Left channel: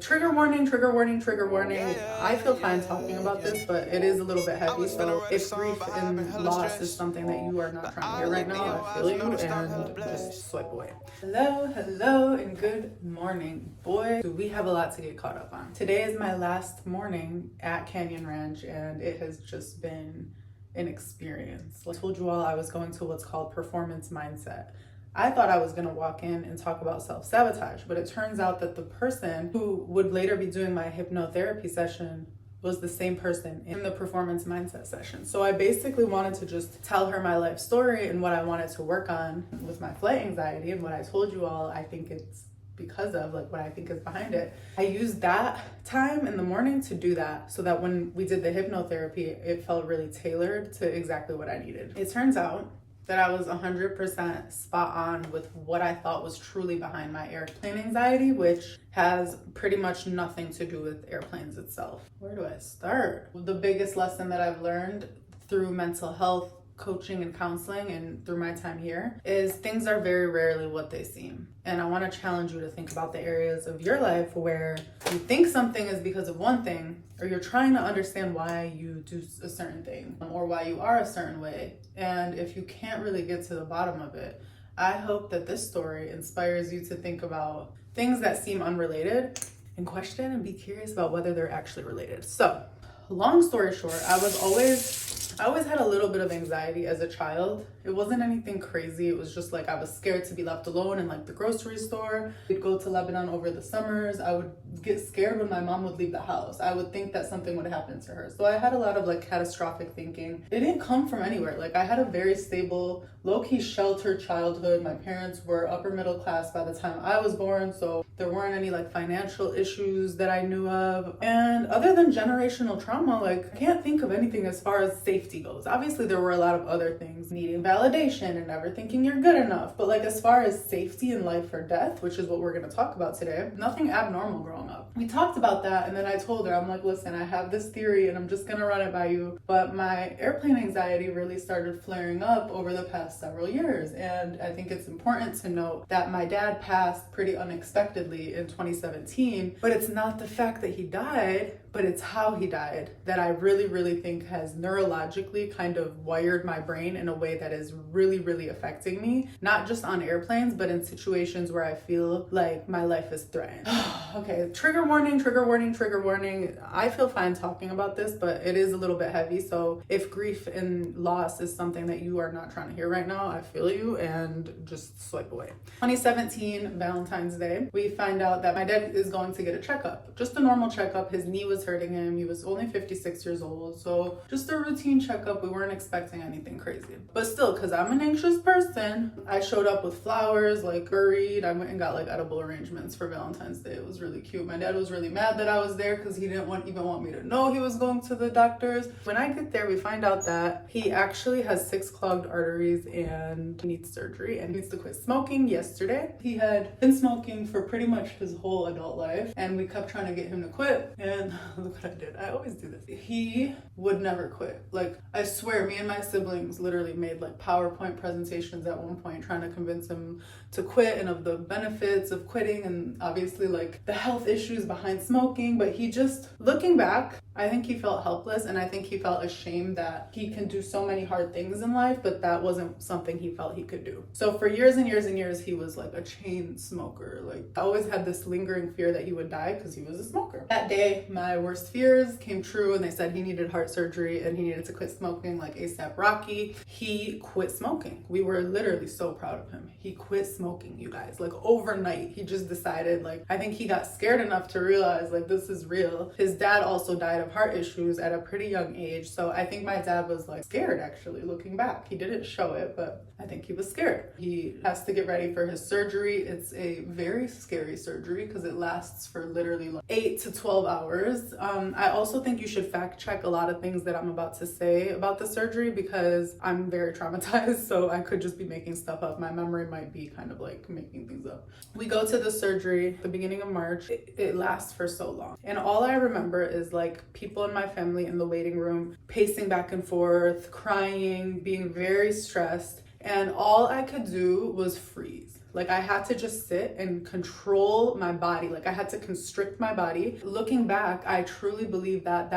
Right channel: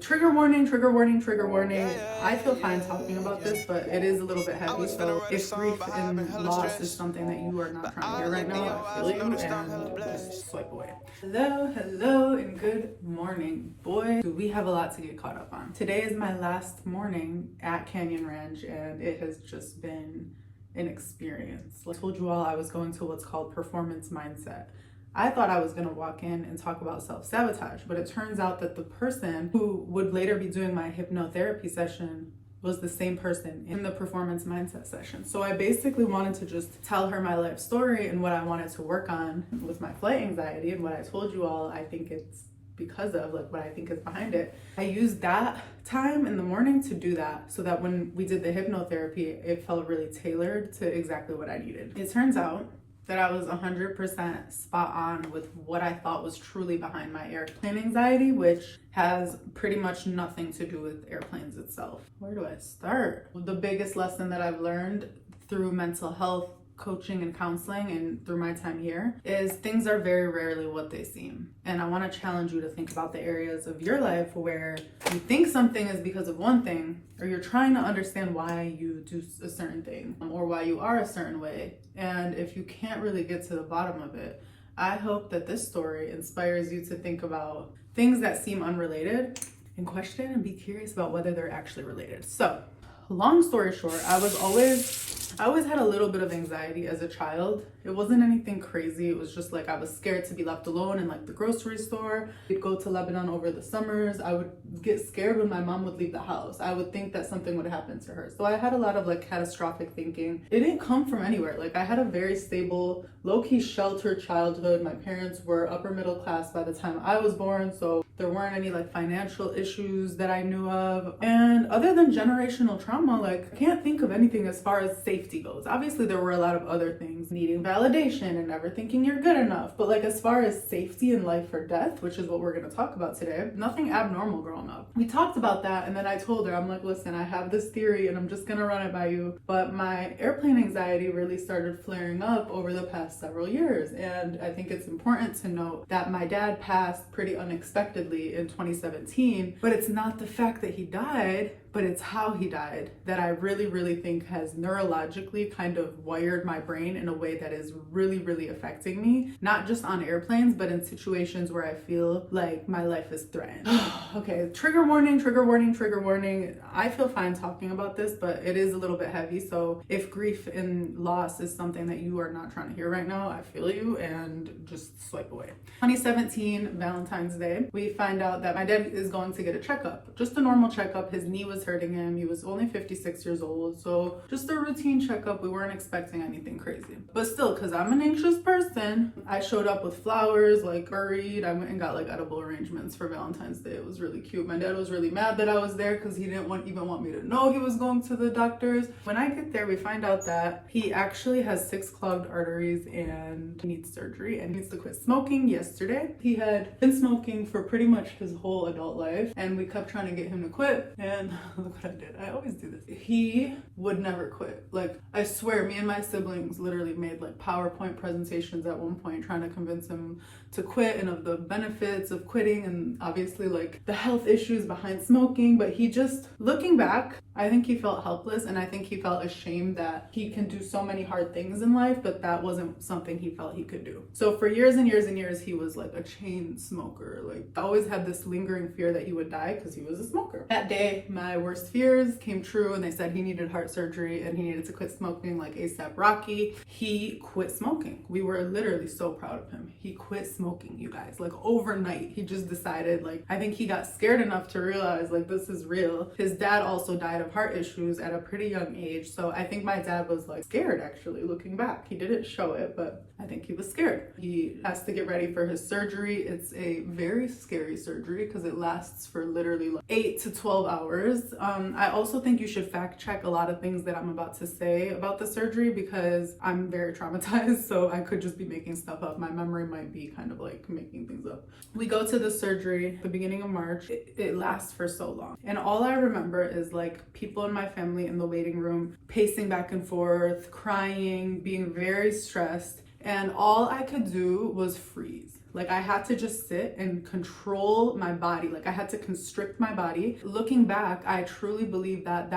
Trigger warning, trigger warning, trigger warning. I feel fine talking about this, but it is a little bit heavy. So if grief and loss is something that you are not trying to hear right now, I feel you and just swipe away. Hello, and good morning. Boy, do we have a lot to get caught up on. Today is my last morning at Canyon Ranch, and it has just been an experience. I told you all I was going to what's called performance mindset. I thought I was gonna walk in and talk about self-sabotage, but it turns out that the person who would later be doing my hypnotherapy session was the same person in the performance mindset session. So I basically wanted to just tell her my life story and what I wanted to work on with my flight anxiety, and what I told you all I think it's because of, like, what I think is behind it. I used that time in the morning to do that, so that when we did the hypnotherapy, it felt really tailored to exactly what I needed. It turns out that I was 100% spot on with what I thought was truly behind my airplane anxiety, which has pretty much nothing to do with airplanes itself. Where do I start? The biggest lesson that I've learned through mental health coaching and counseling and through my time here is things are very rarely what they seem. And I want to challenge you to think about the areas of your life where you think something is because of one thing, or you're trying to understand why you do a certain thing or why you are a certain way. And if you can't really get to the bottom of it, I hope that this story inspires you to think about things that seem unrelated and question and be curious about whether they're actually related. So, long story short, I always had a little bit of anxiety as a child. It wasn't anything crazy. It was just like I was scared to be left alone in like the grocery store. We'd go to Lebanon over the summers. I would get scared when my mom would leave the house. I would think that something would happen to her. So I had a lot of like catastrophic thinking. It didn't come from anywhere. Like I had a very stable, low-key sheltered childhood. My parents were upper middle class by the time I was born, so there weren't any like financial issues that I knew of. And other than generational trauma, like I can't think of anything as far as safety goes. Obviously there were a lot of other things, needing validation and never thinking you're good enough, but like as far as safety and life or death, which is what we're going to talk about today, nothing abnormal growing up. We talked about that, and then I told her, I'm like, listen, I have this theory and I'm just going to run it by you, but my airplane anxiety really started flaring up over the past several years. And I think it's important to note that my dad passed pretty unexpectedly in 2017, but it's not the fact that he died, but it's how he died that I really think has neurologically kind of wired my brain in a way that is really affecting me, not just on airplanes, but in situations where I feel like my life is threatened. Okay, trigger warning, trigger warning, trigger warning. I feel fine talking about this, but it is a little bit heavy. So if grief and loss is something that you are not trying to hear right now, I feel you, and just swipe away. 2017, Valentine's Day, we find out that my dad is going to get a checkup, just a normal checkup. His knee was hurting him. He was only 56 years old, so just a routine checkup. We weren't expecting anything crazy, but still, because I'm an anxious person, I showed up with flowers, like buried. I went and got like edible arrangements for Valentine's Day. It was really cute. My dad was really mad that I was there because he didn't even want me to know he was going to the doctors. When I get there, we find out that he actually has 6 clogged arteries and needs surgery and needs to quit smoking yesterday. He had been smoking for pretty much his whole adult life, and we kept trying to get him to quit, and look what I did. I always do this. He would never quit. Like, I swear, me and my siblings literally made like PowerPoint presentations at one point trying to convince him to quit and of the benefits of quitting, and obviously like the health issues behind smoking. But he just, looking back, I think he felt helpless, and I think he felt ashamed that he can do so many hard things in life, but that wasn't something he felt he could do. So for years and years, he was like a chain smoker. Like, I always had this lingering fear that he would die because he was a smoker. That day, my worst fears came true, and they said he needed heart surgery and he needed to quit smoking like ASAP Rocky. He quit smoking. We were literally so proud of him. He quit smoking, you guys. Like, overnight, he just decided, like, I think he got scared enough to realize, like, this is real. His dad also died of heart issues at a pretty young age, so I think my dad was like scared, actually, looking back. He didn't show it, but I think he was scared. He has to get ready for his surgery. It's a very scary surgery because it lasts for literally like 8 to 12 hours. I also think you should fact check a lot of things that I'm about to say about the surgery because I'm very traumatized, so I could just be making stuff up. My memory might be kind of like making things up. We go to the surgery at the beginning of March. It lasts for so long, and all I remember is like people in my family in the waiting room pacing back and forth, crying, being very stressed, and all I could do was freeze. Like I had to just sit and control my body. Like I had to constrict my body. Looking back, I truly believe that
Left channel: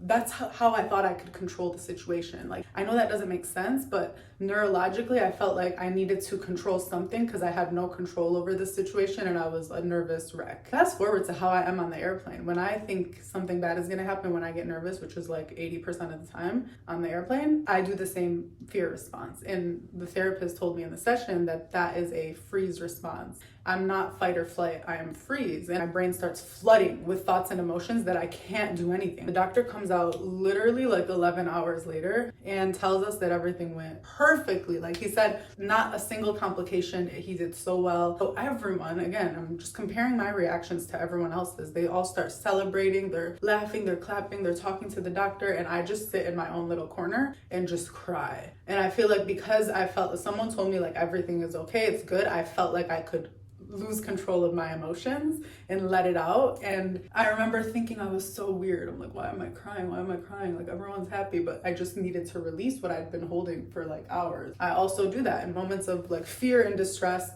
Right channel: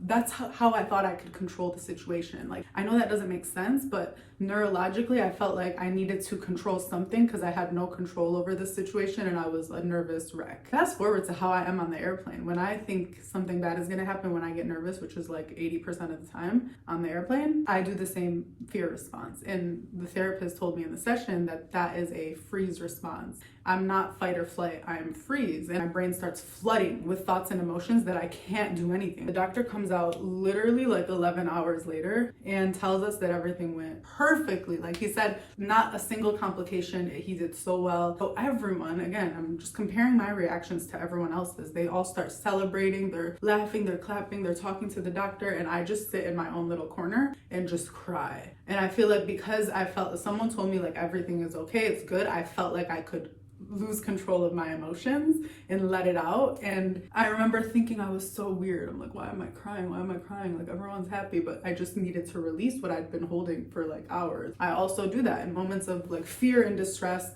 that's how I thought I could control the situation. Like I know that doesn't make sense, but neurologically I felt like I needed to control something because I had no control over the situation and I was a nervous wreck. Fast forward to how I am on the airplane. When I think something bad is gonna happen, when I get nervous, which is like 80% of the time on the airplane, I do the same fear response. And the therapist told me in the session that that is a freeze response. I'm not fight or flight, I am freeze. And my brain starts flooding with thoughts and emotions that I can't do anything. The doctor comes out literally like 11 hours later and tells us that everything went perfectly. Like he said, not a single complication. He did so well. So everyone, again, I'm just comparing my reactions to everyone else's. They all start celebrating, they're laughing, they're clapping, they're talking to the doctor, and I just sit in my own little corner and just cry. And I feel like because I felt that someone told me like everything is okay, it's good, I felt like I could lose control of my emotions and let it out. And I remember thinking I was so weird. I'm like, why am I crying? Why am I crying? Like everyone's happy, but I just needed to release what I'd been holding for like hours. I also do that in moments of like fear and distress.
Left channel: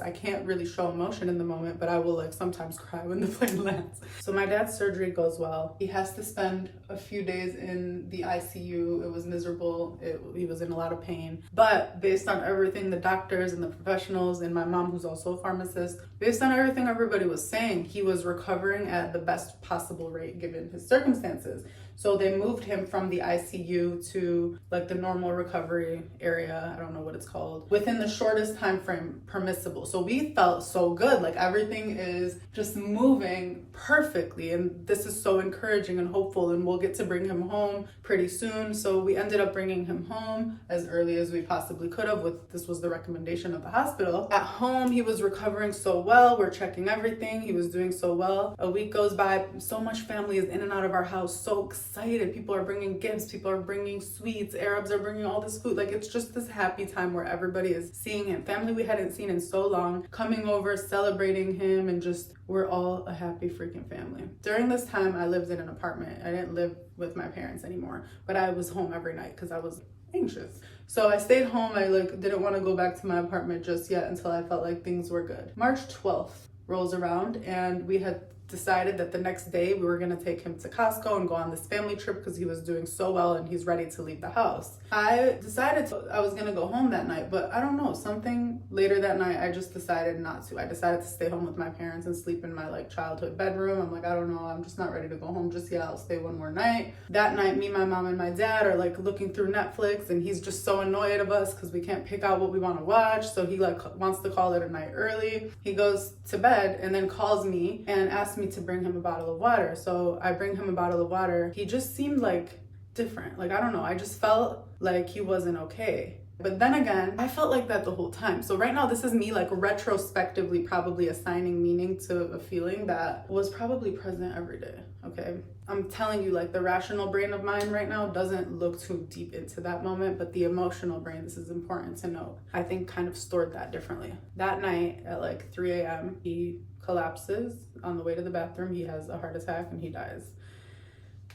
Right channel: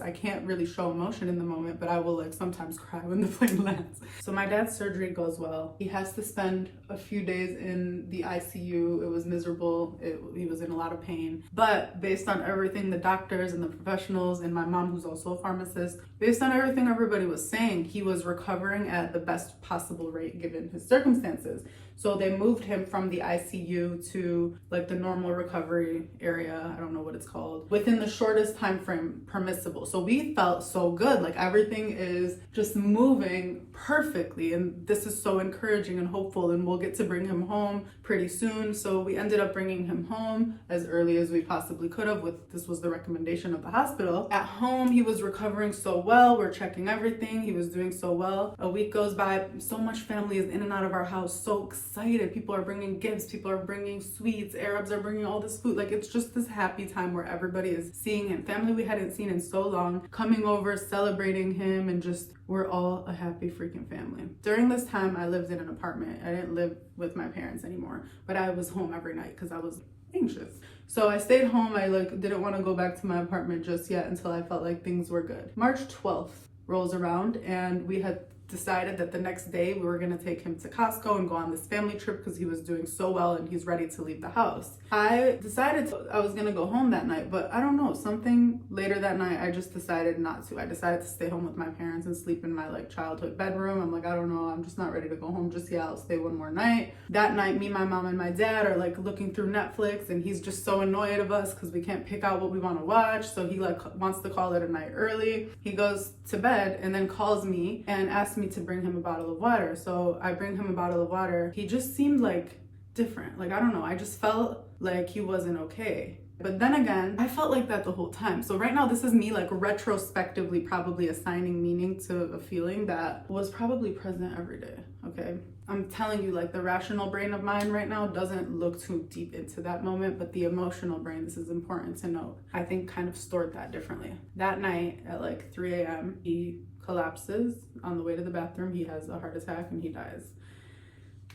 I can't really show emotion in the moment, but I will like sometimes cry when the plane lands. So my dad's surgery goes well. He has to spend a few days in the ICU. It was miserable. He was in a lot of pain, but based on everything the doctors and the professionals and my mom, who's also a pharmacist, based on everything everybody was saying, he was recovering at the best possible rate given his circumstances. So they moved him from the ICU to like the normal recovery area, I don't know what it's called, within the shortest time frame permissible. So we felt so good, like everything is just moving perfectly, and this is so encouraging and hopeful, and we'll get to bring him home pretty soon. So we ended up bringing him home as early as we possibly could have. This was the recommendation of the hospital. At home, he was recovering so well. We're checking everything. He was doing so well. A week goes by. So much family is in and out of our house. So excited. People are bringing gifts. People are bringing sweets. Arabs are bringing all this food. Like it's just this happy time where everybody is seeing him. Family we hadn't seen in so long, coming over, celebrating him, and just we're all a happy freaking family. During this time, I lived in an apartment. I didn't live with my parents anymore, but I was home every night because I was anxious. So I stayed home. I didn't want to go back to my apartment just yet until I felt like things were good. March 12th rolls around and we had decided that the next day we were going to take him to Costco and go on this family trip because he was doing so well and he's ready to leave the house. I decided I was going to go home that night, but I don't know, something later that night I just decided not to. I decided to stay home with my parents and sleep in my like childhood bedroom. I'm like, I don't know, I'm just not ready to go home just yet. I'll stay one more night. That night, me, my mom, and my dad are like looking through Netflix, and he's just so annoyed of us because we can't pick out what we want to watch. So he like wants to call it a night early. He goes to bed and then calls me and asks me to bring him a bottle of water. So I bring him a bottle of water. He just seemed like different. Like, I don't know, I just felt like he wasn't okay. But then again, I felt like that the whole time. So right now, this is me like retrospectively probably assigning meaning to a feeling that was probably present every day, okay? I'm telling you, like the rational brain of mine right now doesn't look too deep into that moment, but the emotional brain, this is important to note, I think kind of stored that differently. That night at like 3 a.m., he collapses on the way to the bathroom. He has a heart attack and he dies.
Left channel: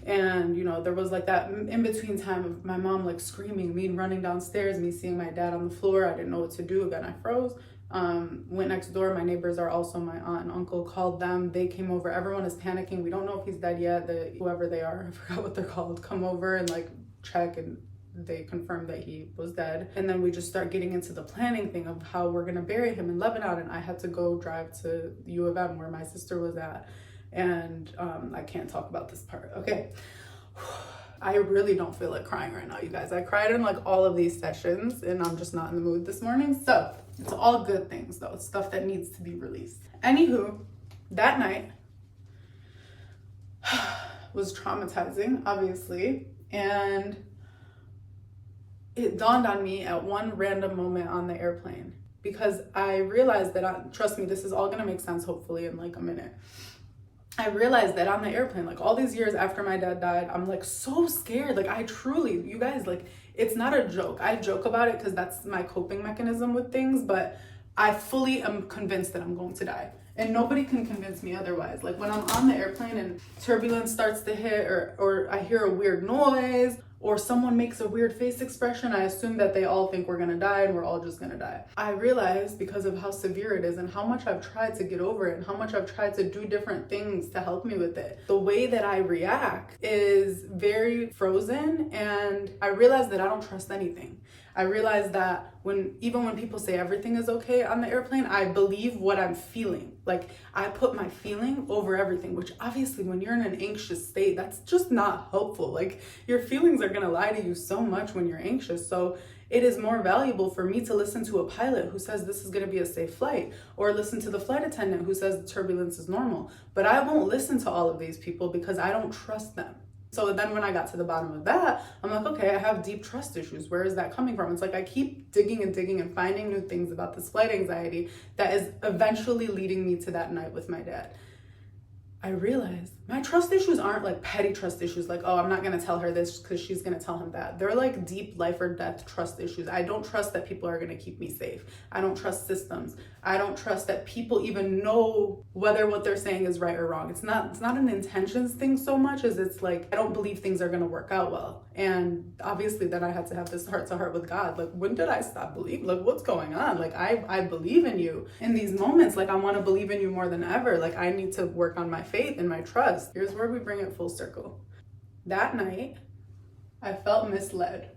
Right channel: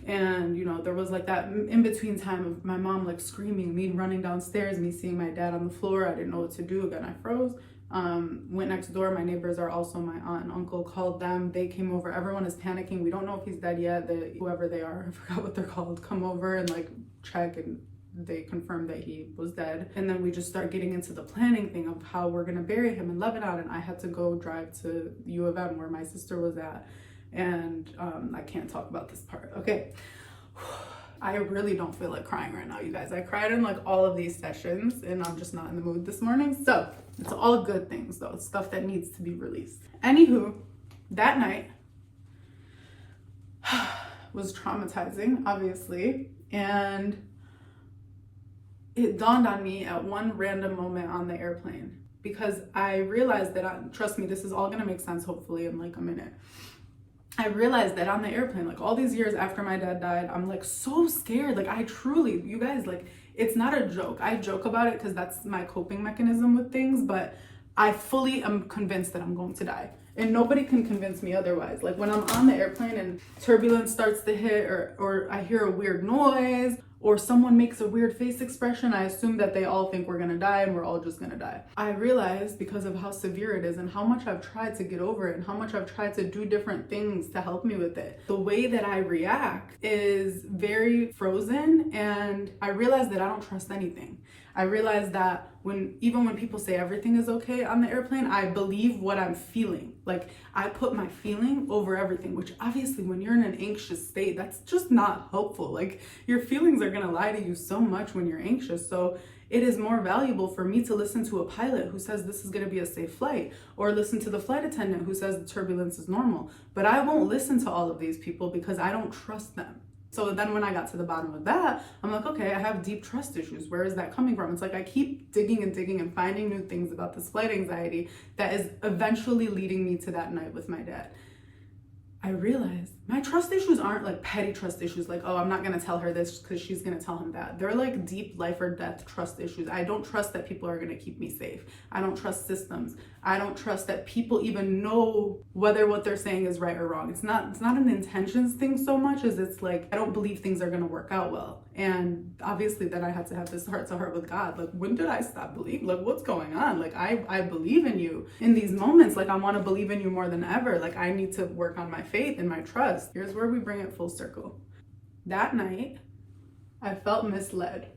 And you know, there was like that in between time of my mom like screaming, me running downstairs, me seeing my dad on the floor. I didn't know what to do. Again, I froze. Went next door. My neighbors are also my aunt and uncle. Called them. They came over. Everyone is panicking. We don't know if he's dead yet. Whoever they are, I forgot what they're called, come over and like check, and they confirmed that he was dead. And then we just start getting into the planning thing of how we're gonna bury him in Lebanon. And I had to go drive to U of M where my sister was at. And I can't talk about this part. Okay. I really don't feel like crying right now, you guys. I cried in like all of these sessions and I'm just not in the mood this morning. So it's all good things though. It's stuff that needs to be released. Anywho, that night was traumatizing, obviously. And it dawned on me at one random moment on the airplane, because I realized that, trust me, this is all gonna make sense hopefully in like a minute. I realized that on the airplane, like all these years after my dad died, I'm like so scared. Like I truly, you guys, like it's not a joke. I joke about it because that's my coping mechanism with things, but I fully am convinced that I'm going to die. And nobody can convince me otherwise. Like when I'm on the airplane and turbulence starts to hit or I hear a weird noise or someone makes a weird face expression, I assume that they all think we're gonna die and we're all just gonna die. I realized, because of how severe it is and how much I've tried to get over it and how much I've tried to do different things to help me with it, the way that I react is very frozen, and I realized that I don't trust anything. I realized that even when people say everything is okay on the airplane, I believe what I'm feeling. Like, I put my feeling over everything, which obviously when you're in an anxious state, that's just not helpful. Like, your feelings are gonna lie to you so much when you're anxious. So it is more valuable for me to listen to a pilot who says this is gonna be a safe flight, or listen to the flight attendant who says the turbulence is normal. But I won't listen to all of these people because I don't trust them. So then when I got to the bottom of that, I'm like, okay, I have deep trust issues. Where is that coming from? It's like I keep digging and digging and finding new things about this flight anxiety that is eventually leading me to that night with my dad. I realized my trust issues aren't like petty trust issues, like, oh, I'm not gonna tell her this because she's gonna tell him that. They're like deep life or death trust issues. I don't trust that people are gonna keep me safe. I don't trust systems. I don't trust that people even know whether what they're saying is right or wrong. It's not an intentions thing so much as it's like, I don't believe things are gonna work out well. And obviously then I had to have this heart to heart with God. Like, when did I stop believing? Like, what's going on? Like, I believe in you in these moments. Like, I wanna believe in you more than ever. Like, I need to work on my faith and my trust. Here's where we bring it full circle. That night, I felt misled.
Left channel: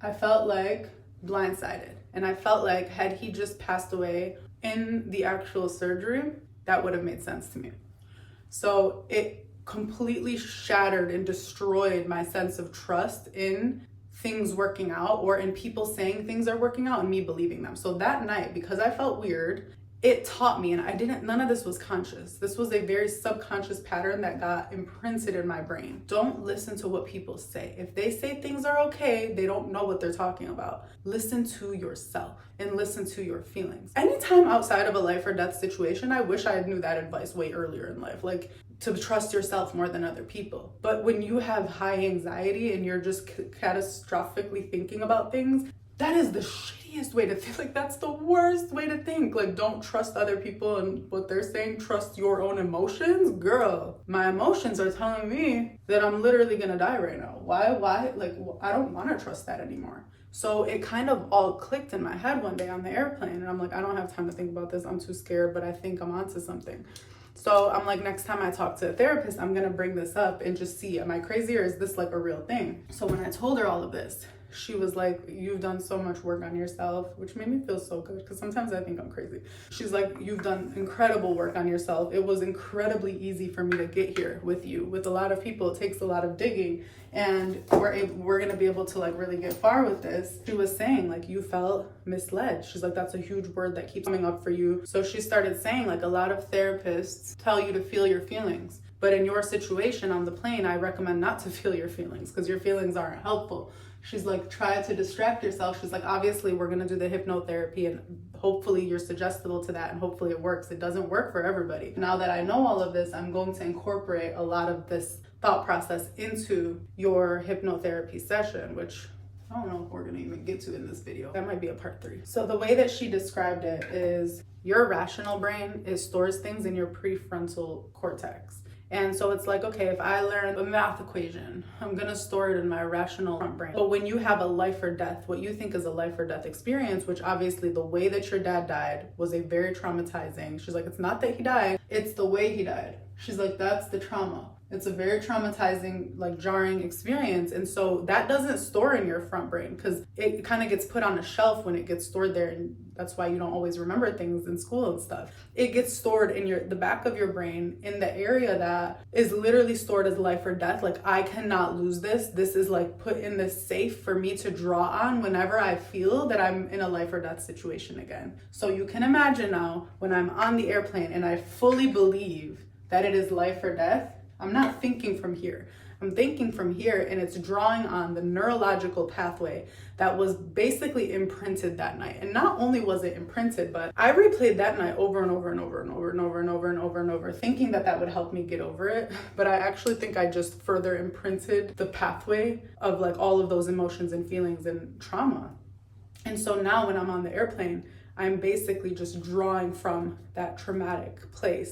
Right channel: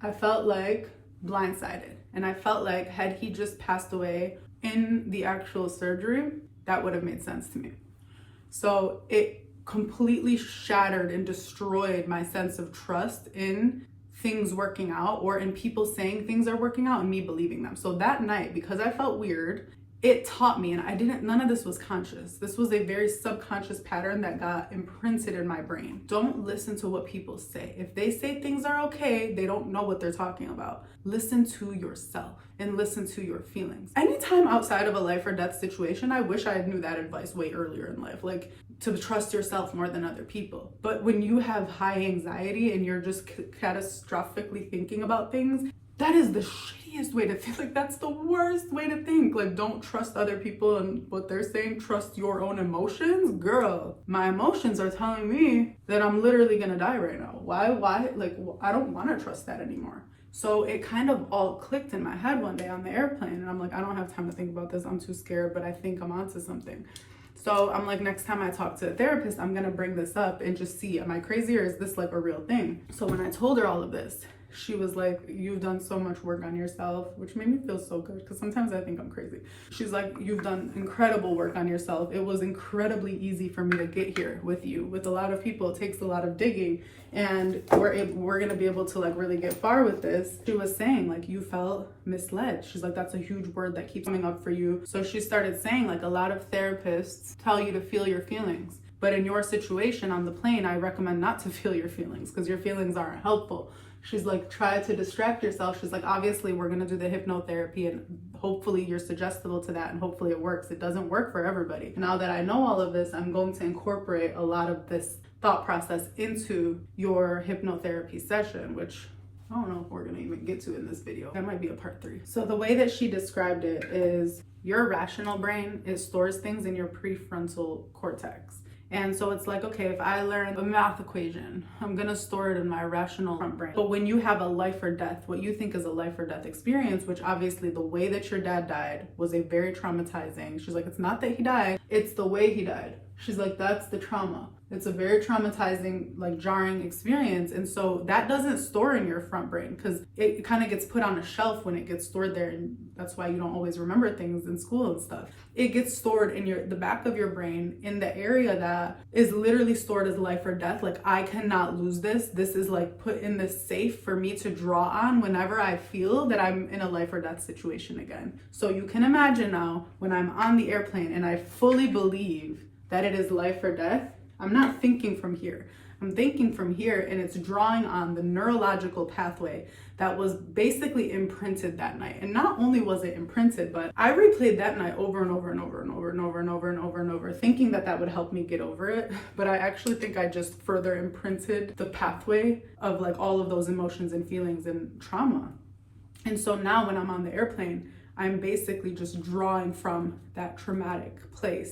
I felt like blindsided. And I felt like, had he just passed away in the actual surgery, that would have made sense to me. So it completely shattered and destroyed my sense of trust in things working out, or in people saying things are working out and me believing them. So that night, because I felt weird, it taught me, and none of this was conscious. This was a very subconscious pattern that got imprinted in my brain. Don't listen to what people say. If they say things are okay, they don't know what they're talking about. Listen to yourself and listen to your feelings. Anytime outside of a life or death situation, I wish I knew that advice way earlier in life, like to trust yourself more than other people. But when you have high anxiety and you're just catastrophically thinking about things, that is the shittiest way to think. Like, that's the worst way to think. Like, don't trust other people and what they're saying. Trust your own emotions. Girl, my emotions are telling me that I'm literally gonna die right now. Why? Like, I don't want to trust that anymore. So it kind of all clicked in my head one day on the airplane, and I'm like, I don't have time to think about this. I'm too scared, but I think I'm onto something. So I'm like, next time I talk to a therapist, I'm gonna bring this up and just see, am I crazy or is this like a real thing? So when I told her all of this, she was like, you've done so much work on yourself, which made me feel so good, because sometimes I think I'm crazy. She's like, you've done incredible work on yourself. It was incredibly easy for me to get here with you. With a lot of people, it takes a lot of digging, and we're gonna be able to like really get far with this. She was saying like, you felt misled. She's like, that's a huge word that keeps coming up for you. So she started saying like, a lot of therapists tell you to feel your feelings. But in your situation on the plane, I recommend not to feel your feelings, because your feelings aren't helpful. She's like, try to distract yourself. She's like, obviously we're gonna do the hypnotherapy and hopefully you're suggestible to that and hopefully it works. It doesn't work for everybody. Now that I know all of this, I'm going to incorporate a lot of this thought process into your hypnotherapy session, which I don't know if we're gonna even get to in this video. That might be a part 3. So the way that she described it is, your rational brain stores things in your prefrontal cortex. And so it's like, okay, if I learn a math equation, I'm gonna store it in my rational front brain. But when you have a life or death, what you think is a life or death experience, which obviously the way that your dad died was a very traumatizing. She's like, it's not that he died, it's the way he died. She's like, that's the trauma. It's a very traumatizing, like jarring experience. And so that doesn't store in your front brain, because it kind of gets put on a shelf when it gets stored there. And that's why you don't always remember things in school and stuff. It gets stored in the back of your brain, in the area that is literally stored as life or death. Like, I cannot lose this. This is like put in this safe for me to draw on whenever I feel that I'm in a life or death situation again. So you can imagine now, when I'm on the airplane and I fully believe that it is life or death, I'm not thinking from here. I'm thinking from here, and it's drawing on the neurological pathway that was basically imprinted that night. And not only was it imprinted, but I replayed that night over and over and over and over and over and over and over and over, thinking that that would help me get over it. But I actually think I just further imprinted the pathway of like all of those emotions and feelings and trauma. And so now when I'm on the airplane, I'm basically just drawing from that traumatic place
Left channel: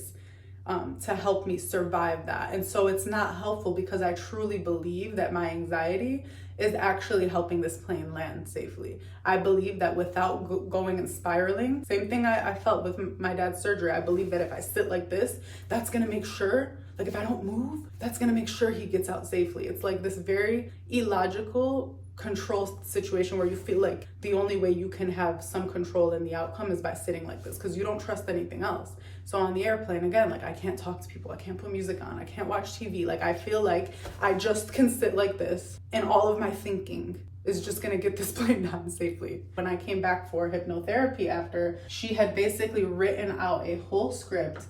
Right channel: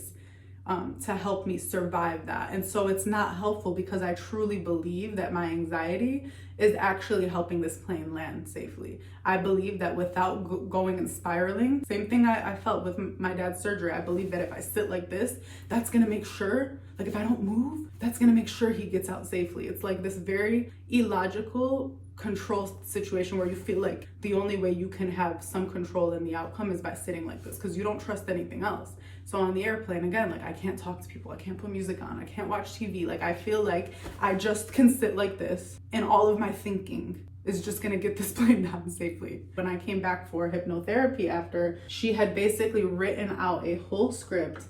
to help me survive that. And so it's not helpful because I truly believe that my anxiety is actually helping this plane land safely. I believe that without going and spiraling, same thing I felt with my dad's surgery. I believe that if I sit like this, that's gonna make sure, like if I don't move, that's gonna make sure he gets out safely. It's like this very illogical control situation where you feel like the only way you can have some control in the outcome is by sitting like this because you don't trust anything else. So on the airplane, again, like I can't talk to people, I can't put music on, I can't watch TV. Like I feel like I just can sit like this and all of my thinking is just gonna get this plane down safely. When I came back for hypnotherapy after, she had basically written out a whole script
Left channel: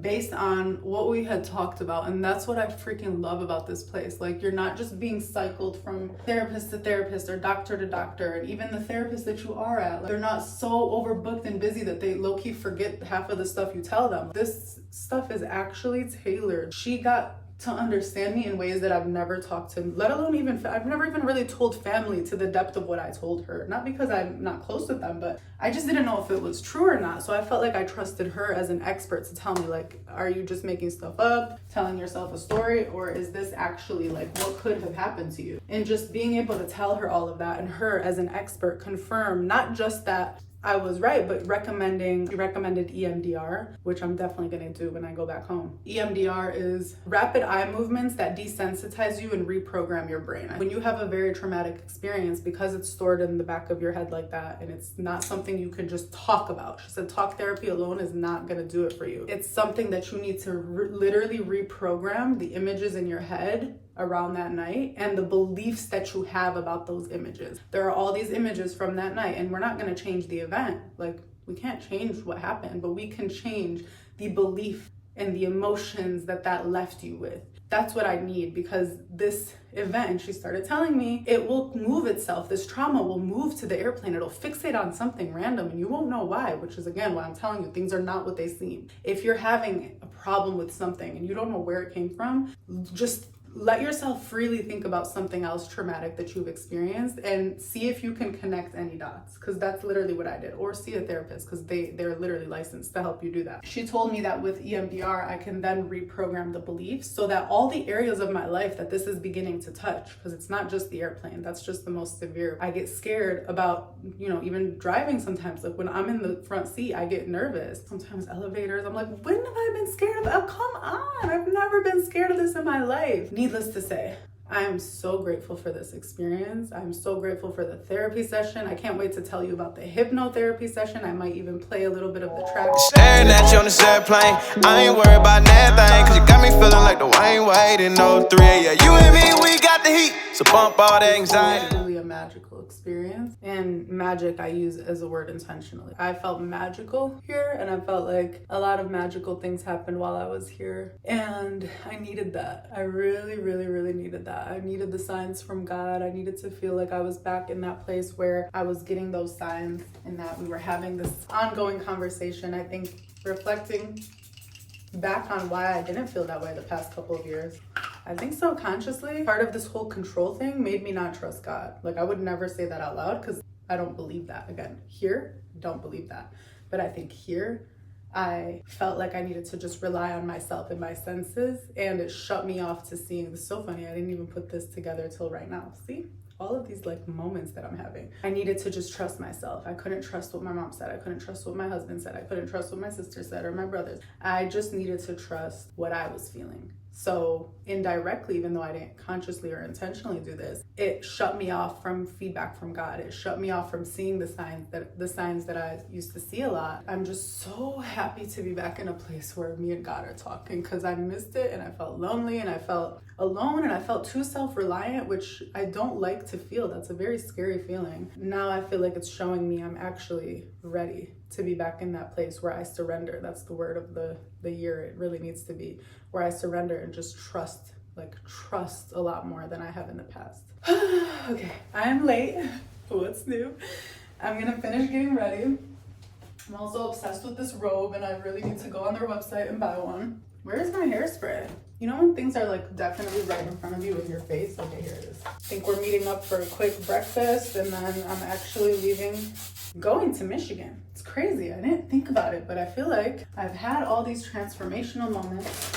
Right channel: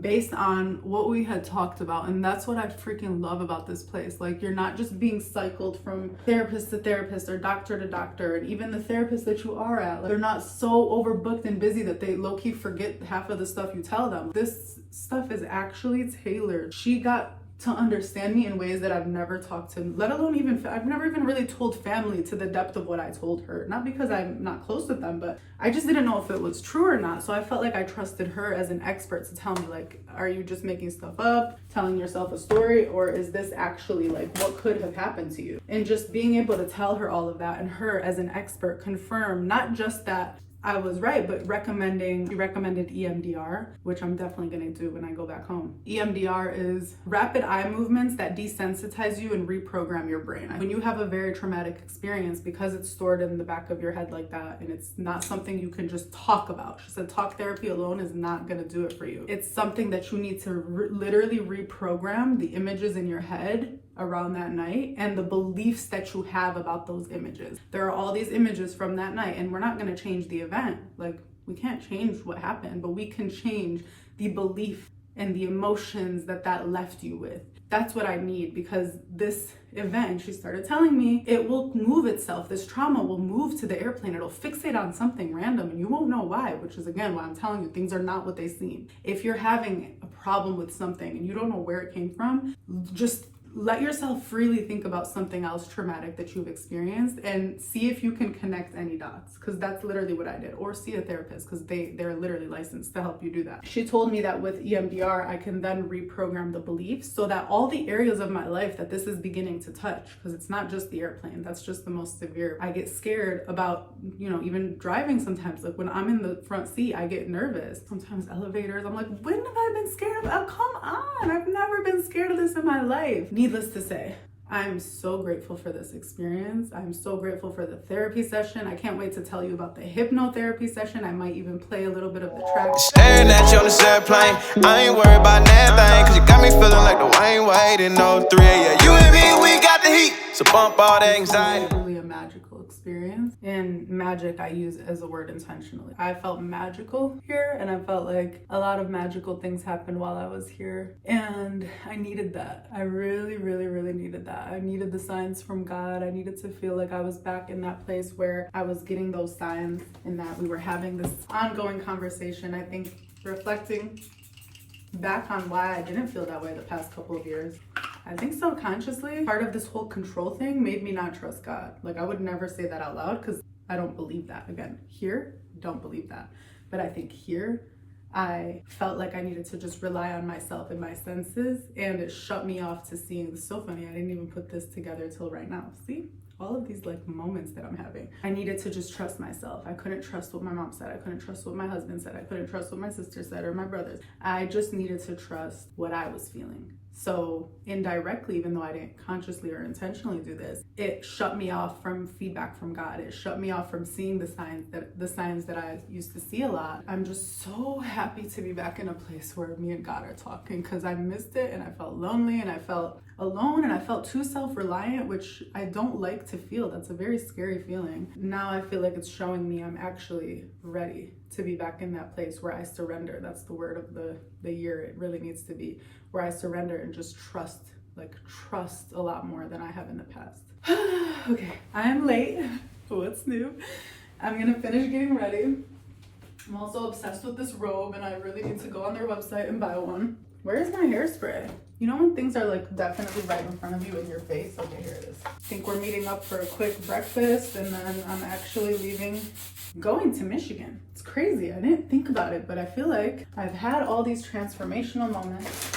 based on what we had talked about. And that's what I freaking love about this place. Like you're not just being cycled from therapist to therapist or doctor to doctor, and even the therapist that you are at, like, they're not so overbooked and busy that they low-key forget half of the stuff you tell them. This stuff is actually tailored. She got to understand me in ways that I've never talked to, let alone even, I've never even really told family to the depth of what I told her. Not because I'm not close with them, but I just didn't know if it was true or not. So I felt like I trusted her as an expert to tell me, like, are you just making stuff up, telling yourself a story, or is this actually like what could have happened to you? And just being able to tell her all of that, and her as an expert confirm not just that I was right, but she recommended EMDR, which I'm definitely gonna do when I go back home. EMDR is rapid eye movements that desensitize you and reprogram your brain. When you have a very traumatic experience, because it's stored in the back of your head like that, and it's not something you can just talk about. She said talk therapy alone is not gonna do it for you. It's something that you need to literally reprogram the images in your head around that night and the beliefs that you have about those images. There are all these images from that night, and we're not going to change the event. Like, we can't change what happened, but we can change the belief and the emotions that left you with. That's what I need, because this event, she started telling me, it will move itself. This trauma will move to the airplane. It'll fixate on something random and you won't know why, which is again why I'm telling you things are not what they seem. If you're having a problem with something and you don't know where it came from, just let yourself freely think about something else traumatic that you've experienced and see if you can connect any dots, because that's literally what I did. Or see a therapist, because they're literally licensed to help you do that. She told me that with EMDR, I can then reprogram the beliefs so that all the areas of my life that this is beginning to touch, because it's not just the airplane, that's just the most severe. I get scared about, even driving sometimes. Like when I'm in the front seat, I get nervous. Sometimes elevators, I'm like, when have I been scared of? Oh, come on, I've never been scared of this in my life. Needless to say, I'm so grateful for this experience. I'm so grateful for the therapy session. I can't wait to tell you about the hypnotherapy session. I might even play a little bit of the track. Staring at you on this airplane, I ain't worried about nothing, cause you got me feeling like the Wayne Wade in 03. Yeah, you and me, we got the heat, so bump all that anxiety. It's really a magical experience, and magic I use as a word intentionally. I felt magical here, and I felt like a lot of magical things happened while I was here, and I needed that. I really, really, really needed that. I needed the signs from God. I needed to feel like I was back in that place where I was getting those signs and that we were having this ongoing conversation. I think reflecting back on why I didn't feel that way the past couple of years, I think subconsciously, part of this whole control thing made me not trust God. Like, I would never say that out loud because I don't believe that. Again, here, don't believe that. But I think here, I felt like I needed to just rely on myself and my senses, and it shut me off to seeing. It's so funny, I didn't even put this together till right now. See? All of these like moments that I'm having. I needed to just trust myself. I couldn't trust what my mom said. I couldn't trust what my husband said. I couldn't trust what my sister said or my brothers. I just needed to trust what I was feeling. So indirectly, even though I didn't consciously or intentionally do this, it shut me off from feedback from God. It shut me off from seeing the signs that I used to see a lot. I'm just so happy to be back in a place where me and God are talking, because I missed it and I felt lonely and I felt alone and I felt too self-reliant, which I don't like to feel. That's a very scary feeling. Now I feel like it's showing me I'm actually ready to be back in that place where I surrender. That's the word of the year. It really needs to be where I surrender and just trust a lot more than I have in the past. Okay, I am late. What's new? I'm gonna finish getting ready. I'm also obsessed with this robe and I really need to go on their website and buy one. Where's my hairspray? You know when things are like definitely right in front of you in your face? Okay, here it is. I think we're meeting up for a quick breakfast and then I'm actually leaving, going to Michigan. It's crazy. I didn't think about it, but I feel like I've had all these transformational moments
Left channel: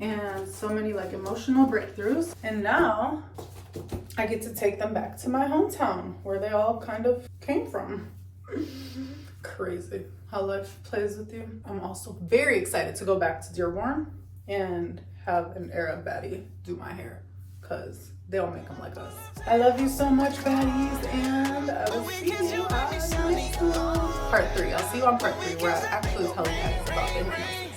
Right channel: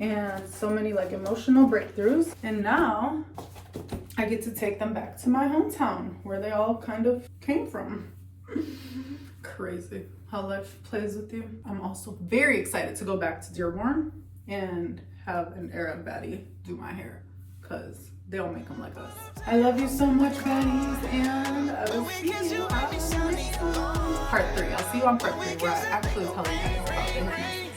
and so many like emotional breakthroughs. And now I get to take them back to my hometown where they all kind of came from. Crazy how life plays with you. I'm also very excited to go back to Dearborn and have an Arab baddie do my hair because they don't make them like us. I love you so much, baddies, and I will see you on part 3. I'll see you on part 3 where I actually tell you guys about the hypnosis.